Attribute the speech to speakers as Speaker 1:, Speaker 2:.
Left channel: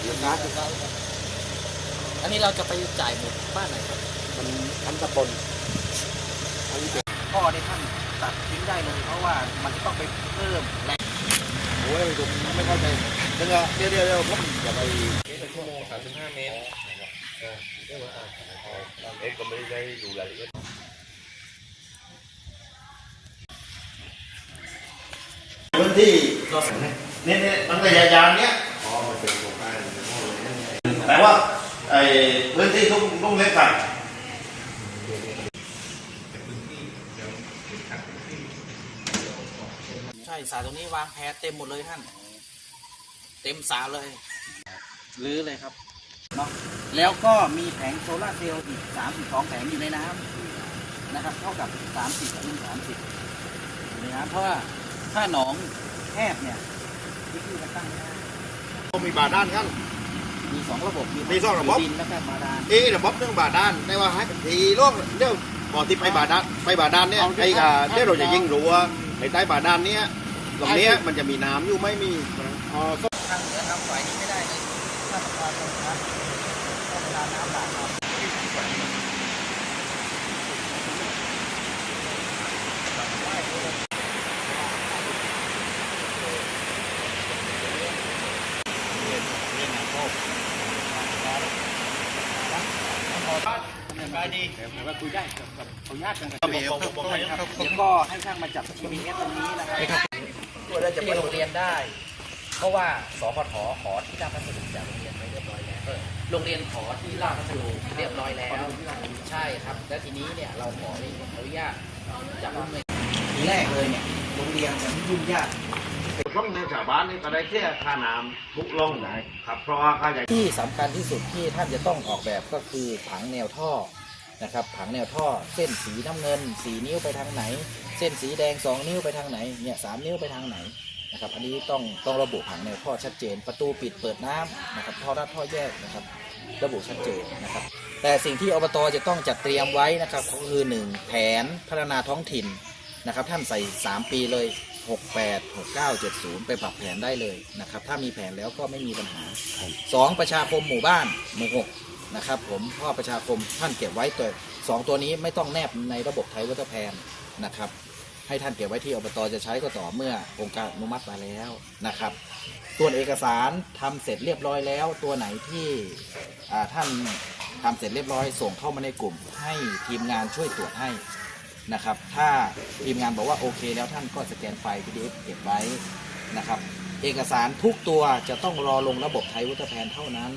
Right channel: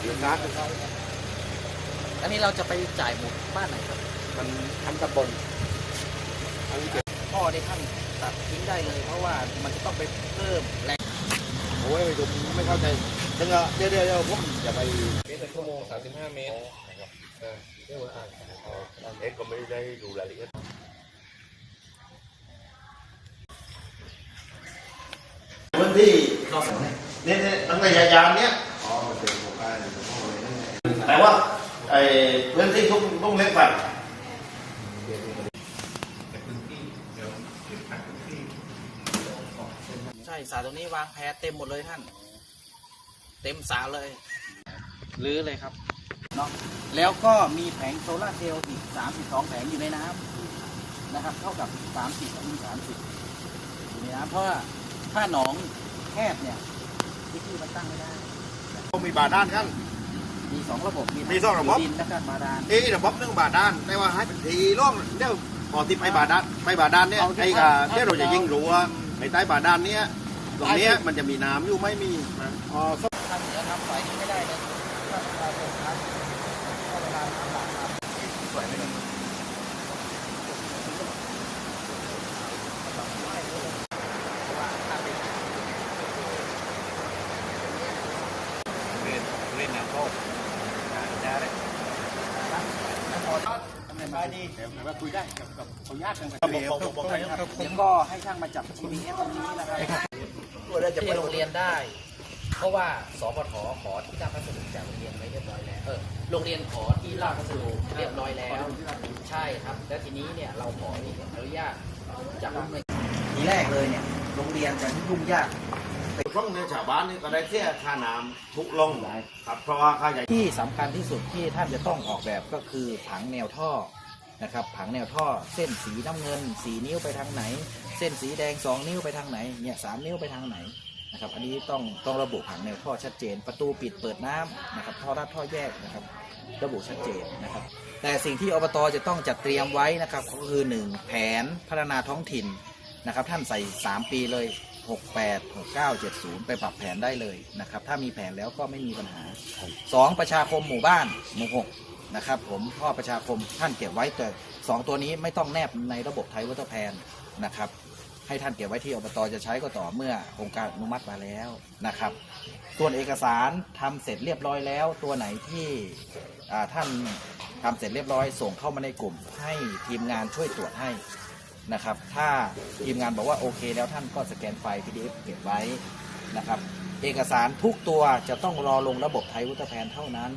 Speaker 1: อยู่ร้านอยู่ร้าน
Speaker 2: อันนี้เราจะไปจ่ายหมดบ้านไหนครับ
Speaker 1: มันทั้งตำบลทั้งเจ็ด
Speaker 2: พ่อที่ท่านตัดทิ้งได้เลย เพราะว่ามันต้องไปเพิ่มแรง
Speaker 1: โอ้ยผมไม่เข้าใจเดี๋ยวเดี๋ยวเดี๋ยวเดี๋ยวผมจะไป
Speaker 3: เป็นชั่วโมง35เมตร
Speaker 1: พื้นที่นี่นี่ตั้งแต่ยาวๆเนี้ย
Speaker 3: อ๋อ เป็นหมู่บ้าน
Speaker 1: หมายว่าไอ้พื้นที่ทุ่งทุ่งเล็กไผ่
Speaker 2: ใช่สาตรงนี้วางแพเต็มหมดเลยท่าน เต็มสาเลยรื้อเลยครับเนาะแล้วก็มีแผงโซลาร์เซลล์อีก 32 แผงอยู่ในน้ำนะครับ เท่ากับ 30คูณ30 อยู่ในน้ำเพราะว่าถ้าหนองแคบเนี่ยที่ที่มันตั้งไม่ได้
Speaker 1: ก็มีบาดานกัน
Speaker 2: มีสองระบบ
Speaker 1: มีสองระบบ
Speaker 2: ดินแล้วก็บาดาล
Speaker 1: เอ๊ะระบบเรื่องบาดาน แต่ว่าให้ทีโลกเดี๋ยวพอที่ไปบาดานไปบาดานเนี่ย
Speaker 2: เอาที่
Speaker 1: ไอ้กา
Speaker 2: ถ้า
Speaker 1: เดี๋ยวเราจะยิงรั้วไอ้ใต้บาดานเนี้ยตรงเนี้ยมันจะมีน้ำอยู่ไม่มี
Speaker 2: อ๋อทางเหนือทำฝ่ายนี้ไม่ได้เลยถ้ามันพอคงครับถ้าเวลาน้ำบาดครับ แล้วก็ให้ช่างมาจับ GPS ตรงนี้นะครับเราจะไปโรงเรียนได้ เพราะว่าสปทขอที่ราชพัสดุจากโรงเรียนไว้เรียบร้อยแล้วโรงเรียนขอที่ราชพัสดุเรียบร้อยแล้ว ใช่ครับ และทีนี้เนี่ยเราขอเองอนุญาตจากโรงเรียนทีแรกเลยเนี่ยโรงเรียนจะยุ่งยาก
Speaker 1: ช่องเดินชาวบ้านนี่ก็ได้เสียค่าน้ำทุกล่องนะครับ เพราะว่าค่าใหญ่
Speaker 2: ที่สำคัญที่สุดที่ท่านจะต้องออกแบบก็คือผังแนวท่อ นะครับผังแนวท่อเส้นสีน้ำเงินสีนิ้วไปทางไหน เส้นสีแดง 2 นิ้วไปทางไหนเนี่ยสามนิ้วไปทางไหนนะครับอันนี้ต้องต้องระบุผังแนวท่อชัดเจน ประตูปิดเปิดน้ำนะครับท่อรัดท่อแยกนะครับระบุชัดเจนนะครับแต่สิ่งที่อบตจะต้องจัดเตรียมไว้นะครับก็คือหนึ่งแผนพัฒนาท้องถิ่นนะครับท่านใส่ 3 ปีเลย 68 69 70 ไปปรับแผนได้เลยนะครับถ้ามีแผนแล้วก็ไม่มีปัญหา 2 ประชาคมหมู่บ้านหมู่6 นะครับผมพ่อประชาคมท่านเก็บไว้ตัวสองตัวนี้ไม่ต้องแนบในระบบไทยวัตแพนนะครับให้ท่านเก็บไว้ที่อบตจะใช้ก็ต่อเมื่อองค์การอนุมัติมาแล้วนะครับส่วนเอกสารทำเสร็จเรียบร้อยแล้ว ตัวไหนที่ท่านทำเสร็จเรียบร้อยส่งเข้ามาในกลุ่ม ให้ทีมงานช่วยตรวจให้นะครับ ถ้าทีมงานบอกว่าโอเค แล้วท่านก็สแกนไฟล์ PDF เก็บไว้นะครับ เอกสารทุกตัวจะต้องรอลงระบบไทยวัตแพนเท่านั้น